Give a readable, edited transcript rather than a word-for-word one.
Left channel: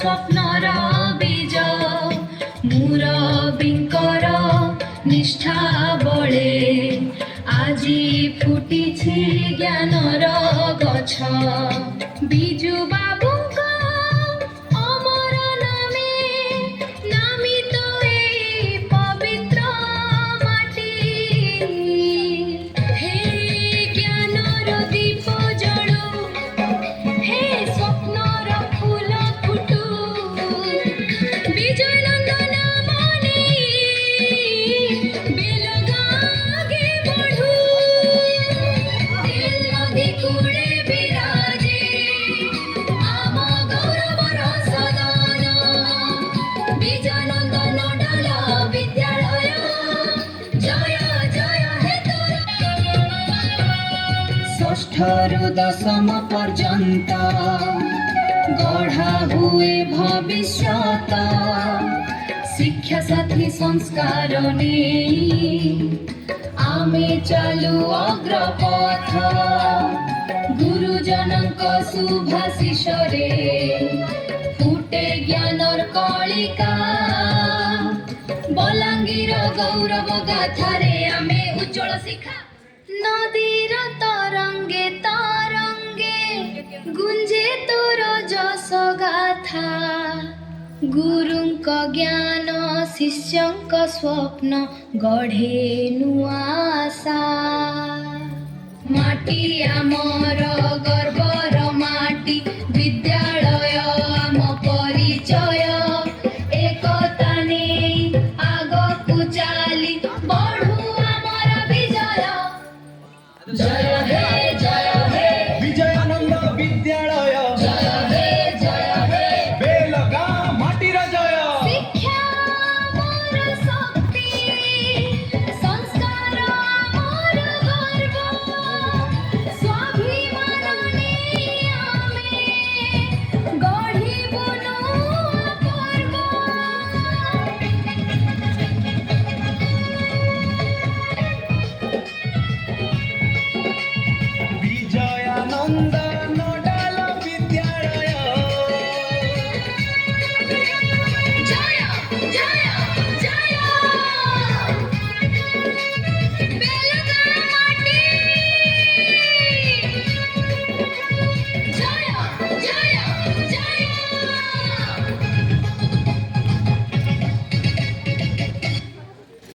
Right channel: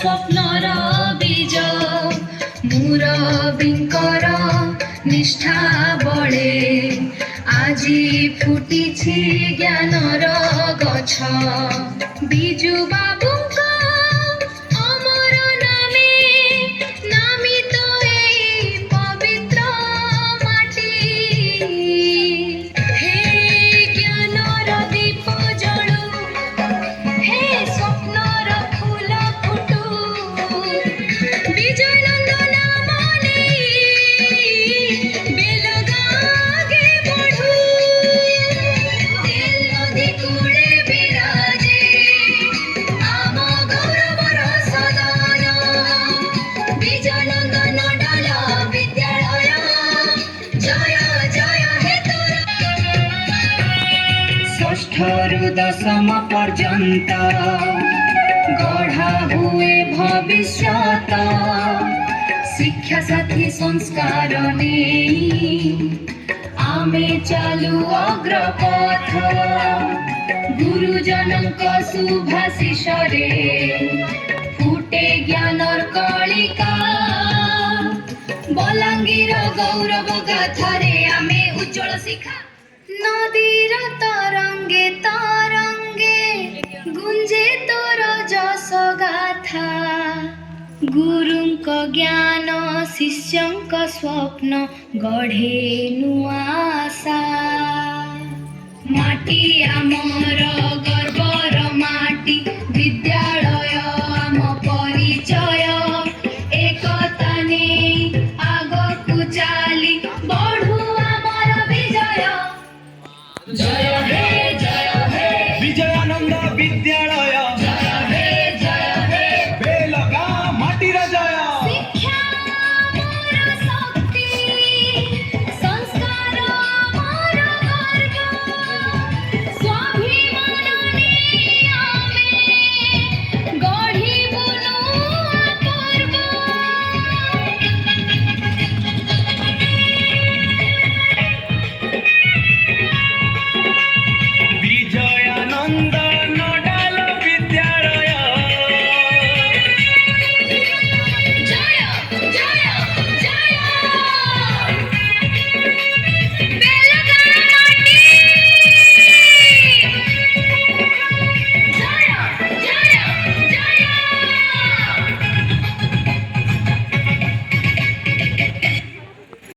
स्वप्नर बीज मुरबींकर निष्ठा बळे আজি फुटिछि ज्ञानर गछ बिजु बाबुंक अमर नामे नामित एई पवित्र माटी हे ज्ञानर दीप जळु हे स्वप्नर फूल फुटु विजय नंदन मने बेलगागे बढ़ु दिल नदी कूड़े विराजे आम गौरवर सदान विजय नंदन डाल विद्यालय जय जय हे षष्ठरु दशम पर्यंत गढ़ा हुए भविष्यत शिक्षा साथी संस्कार आमे चालू अग्रपथ गुरुजनक शुभाशिष रे फुटे ज्ञानर कलिका बलांगीर गौरव गाथारे आमे उज्जवल शिखा नदीर तरंगे तरंगे गुंजे तोर जस गाथा गुरुंक ज्ञान शिष्यंक स्वप्न गढ़े नुआ आशा माटी आमर गर्वर माटी विद्यालय